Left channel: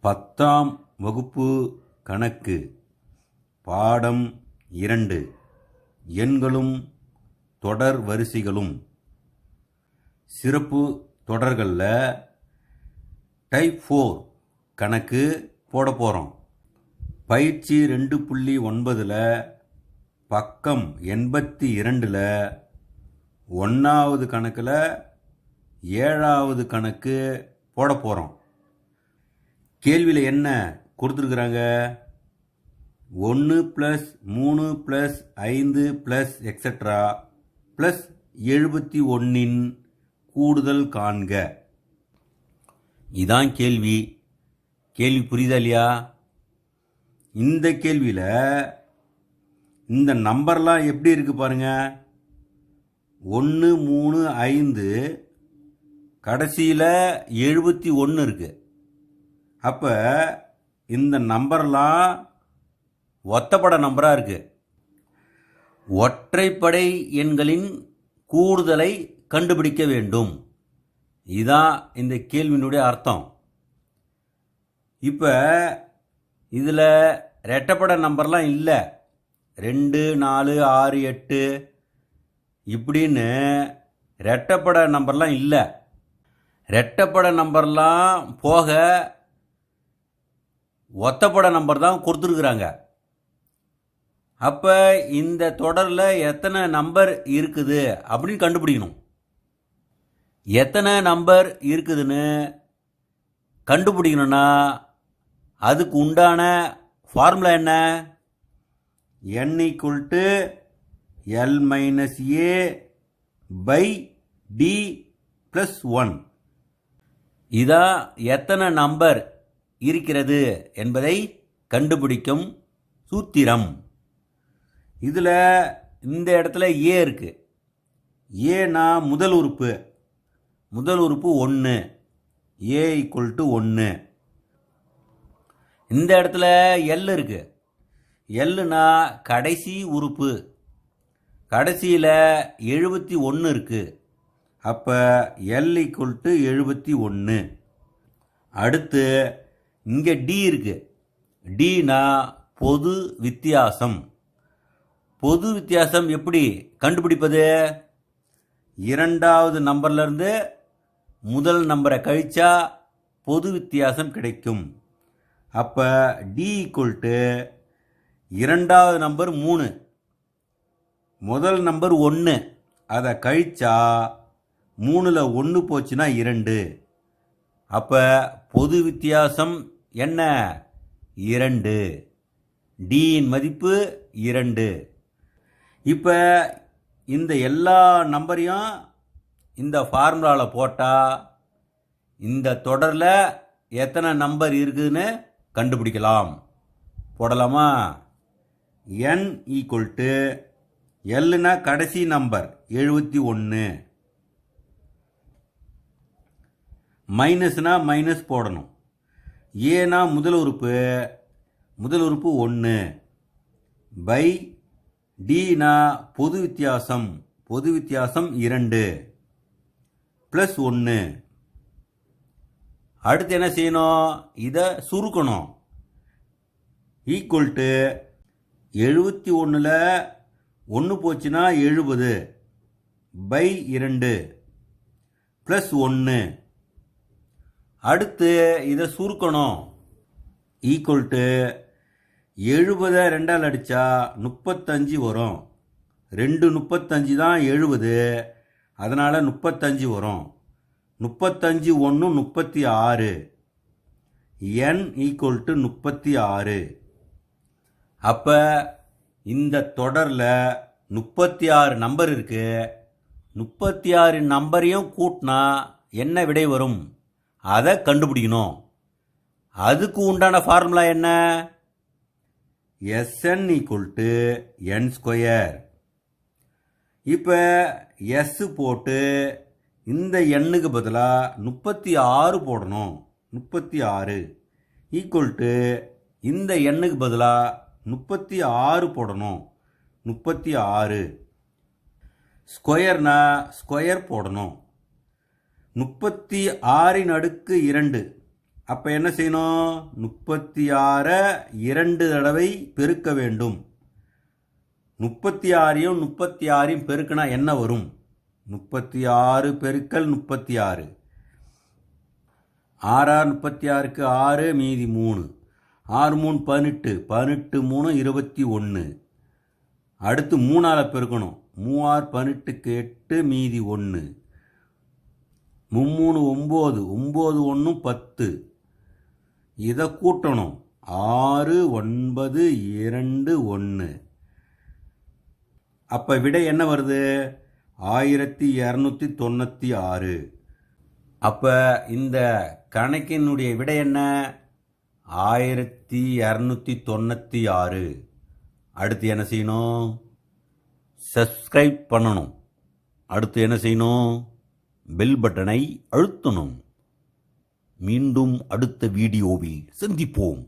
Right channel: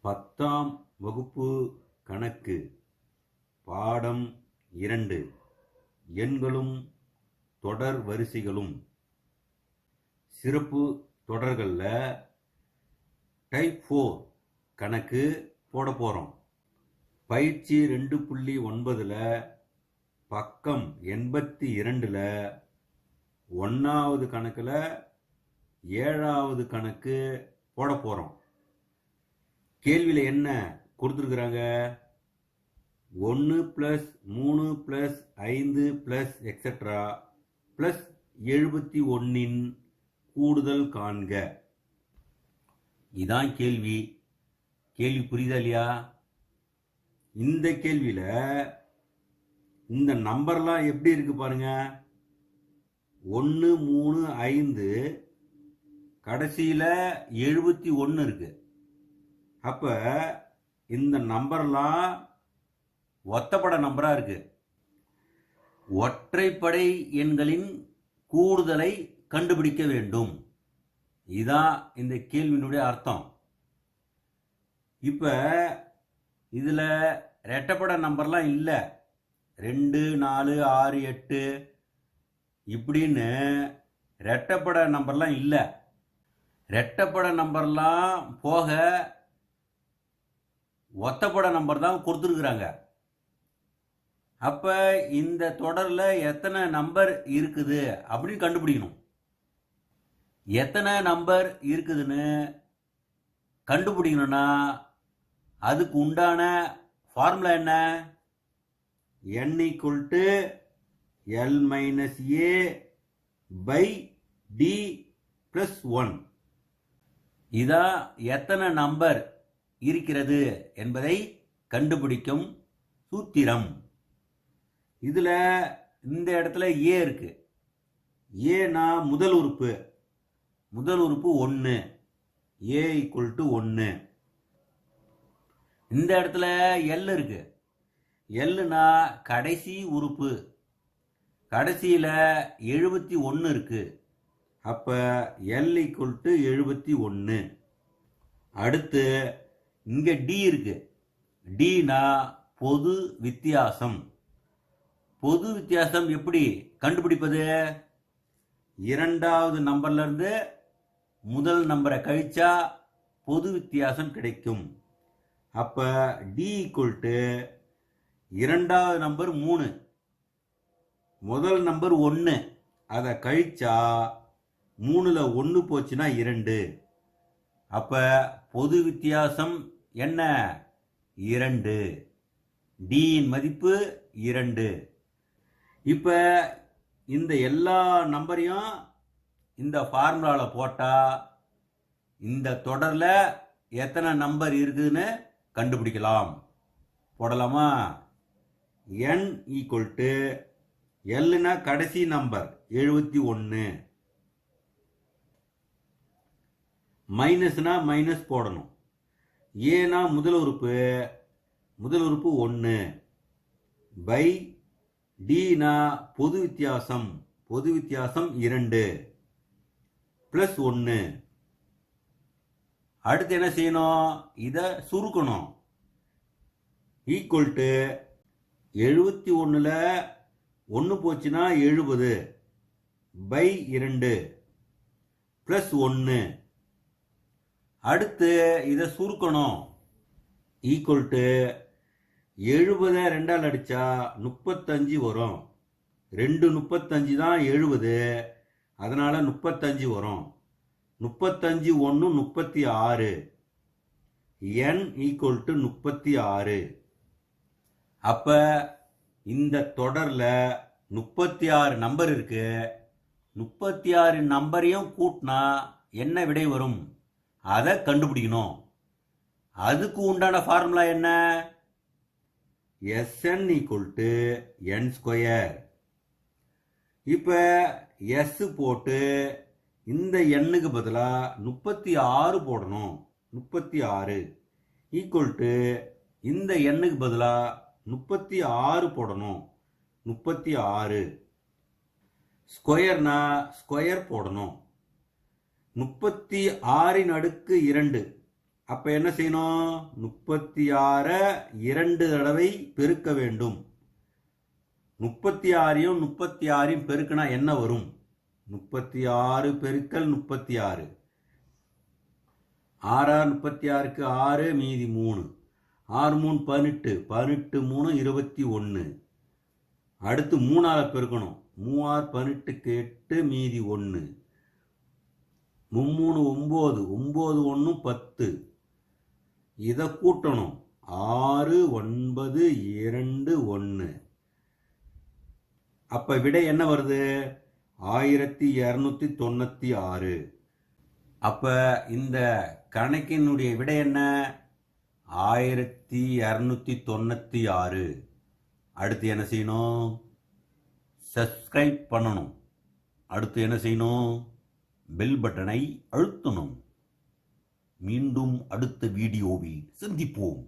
பத்தாம் வகுப்பு கணக்கு பாடம் இரண்டு. எண்களும் தொடர் வரிசைகளும். சிறப்பு தொடர்களில் டைப் ஃபோர் கணக்கு போட போகிறோம் பயிற்சி ரெண்டு புள்ளி ஒன்பதில் பக்கம் எண்பத்தி இரண்டில் ஒன்றாவது கணக்கில் ஏழாவது கணக்கு போட போகிறோம் கேள்வியில் என்ன கொடுத்துருக்குறாங்க? ஒன்று ப்ளஸ் மூணு ப்ளஸ் ஐந்து ப்ளஸ் எக்ஸட்ரா ப்ளஸ் எழுபத்தி ஒன்றின் கூடுதல் காண்க. இதான் கேள்வி. கேள்வி புரியுதா இல்லையா? இந்த கேள்வியில் இந்த நம்பர்லாம் எப்படி இருக்கு பாருங்க? ஒன்று மூணு ஐந்து கடைசியில் எழுபத்தி ஒன்று இருக்குது அப்போ இந்த நம்பர்லாம் ஒத்தப்பட நம்பராக இருக்குது ஒற்றைப்படை எண்களின் கூடுதலை கண்டுபிடிக்க வேண்டும். இதான் இந்த கேள்வியினுடைய அர்த்தம். இப்போ இதில் ரெட்டப்பட நம்பர்லாம் இல்லை. ரெண்டு நாலு ஆறு எட்டு இப்படின்னு ரெட்டப்பட நம்பர்லாம் இல்லை. ரெட்டப்பட நம்பர்லாம் போக ஒத்தப்பட நம்பர் தான் கொடுத்துருக்குறாங்க. அப்போ இந்த தொடரில் எத்தனை நம்பர் இருக்குது அப்படின்னு கண்டுபிடிக்கணும். எத்தனை நம்பர் இருக்குதுன்னு கண்டுபிடிக்கணும்னா அதுக்கு உண்டான ஃபார்முலா என்ன? N equal to L minus A by D plus one இதான் எத்தனை நம்பர் இருக்கிறது என்பதை கண்டுபிடிக்கும் சூத்திரம். இதில் இந்த இடத்துல ஏ இருக்குது ஏனா முதல் உறுப்பு. முதல் உறுப்பு ஒன்று ஏ ஈக்குவல் டு ஒன்று இந்த இடத்துல எல் இருக்குது எல்லுனா கடைசி உறுப்பு. கடைசியில் எழுபத்தி ஒன்று இருக்குது அப்போ எல் ஈக்குவல் டு எழுபத்தி ஒன்று அடுத்து இங்கே டி இருக்கு. டினா பொது வித்தியாசம். பொது வித்தியாசம் எப்படி? கண்டுபிடிப்பது? இரண்டாவது நம்பர்லேருந்து முதல் நம்பரை கழிச்சா பொது வித்தியாசம் கிடைக்கும். அப்போ டி ஈக்குவல் டு இரண்டாவது நம்பர் மூணு. முதல் நம்பர் ஒன்று அதை கழிச்சா மூணில் ஒன்று போச்சுன்னா இரண்டு. அப்போ பொது வித்தியாசம் என்ன? இரண்டு. டியின் மதிப்பு இரண்டு. இப்போ இந்த எல்லா நம்பரையும் இந்த ஃபார்முலாவில் போட்டால் இந்த தொடரில் எத்தனை நம்பர் இருக்குதுன்னு கண்டுபிடிக்கலாம். போடலாமா? என் ஈக்குவல் டு எல்னா கடைசி நம்பர் எழுபத்தி ஒன்று மைனஸ்னால் மைனஸ் போடணும். ஏனா முதல் உறுப்பு முதல் உறுப்பு ஒன்று பை டினா பொது வித்தியாசம் பொது வித்தியாசம் இரண்டு ப்ளஸ் ஒன்று அடுத்து என்ன செய்யணும்? இதை சுருக்கணும். ஈக்குவல் டு எழுபத்தி ஒன்றில் ஒன்று போச்சுன்னா எழுபது. பை இரண்டு ப்ளஸ் ஒன்று அடுத்து இதை சுருக்கணும். ஈக்குவல் டு எழுபதை ரெண்டால் அடித்தா முப்பத்தஞ்சு வரும். ரெண்டு முப்பத்தஞ்சு தான் எழுபது. அதனால் முப்பத்தஞ்சு வரும். முப்பத்தஞ்சு ஒன்று முப்பத்தி ஆறு. என் ஈக்குவல் டு முப்பத்தி ஆறு. அப்போ இந்த தொடரில் முப்பத்தி ஆறு நம்பர் இருக்குது முப்பத்தி ஆறு நம்பரையும் கூட்டினா என்ன விடை வரும்? அதை கண்டுபிடிக்கணும். அதுக்கு உண்டான ஃபார்முலா என்ன? S N equal to N square இப்போ எஸ் போட்டு இந்த எண்ணுக்கு பதிலாக முப்பத்தி ஆறு போடணும். முப்பத்தி ஆறு ஈக்குவல் டு இந்த எண்ணுக்கு பதிலாக முப்பத்தி ஆறு போடணும். முப்பத்தி ஆறு. ஸ்கொயர்னா ஸ்கொயர் போடணும். முப்பத்தி ஆறின் அடுக்கு இரண்டு. அப்போ என்ன செய்யணும்? முப்பத்தி ஆறை இரண்டு தடவை பெருக்க வேண்டும். முப்பத்தி ஆறையும் முப்பத்தி ஆறையும் பெருக்கினா என்ன வரும்? முப்பத்தி ஆறு பெருக்கல் முப்பத்தி ஆறு. ஆறாறு முப்பத்தி ஆறுக்கு ஆறு மீதி மூணு. ஆறு மூணு பதினெட்டு. பதினெட்டு மூணு இருபத்தி ஒன்று. அடுத்து மூணால் பெருக்கணும். மூவாறு பதினெட்டுக்கு எட்டு மீதி ஒன்று. மும்மூணு ஒம்பது ஒம்பது ஒன்று பத்து. இதை கூட்டணும். ஆறு ஒன்பது இரண்டு ஒன்று. அப்போ விடை என்ன வருது? ஆயிரத்தி இரநூத்தி தொண்ணூற்றி ஆறு. அப்போ இந்த கணக்கினுடைய விடை என்ன? ஆயிரத்தி இரநூத்தி தொண்ணூற்றி ஆறு. அடுத்து என்ன செய்யணும்? சப்ஸ்கிரைப் பண்ணணும். அடுத்து என்ன செய்யணும்? பெல் பட்டனை அழுத்தணும். மீண்டும் அடுத்த வீடியோவில் சந்திப்போம்.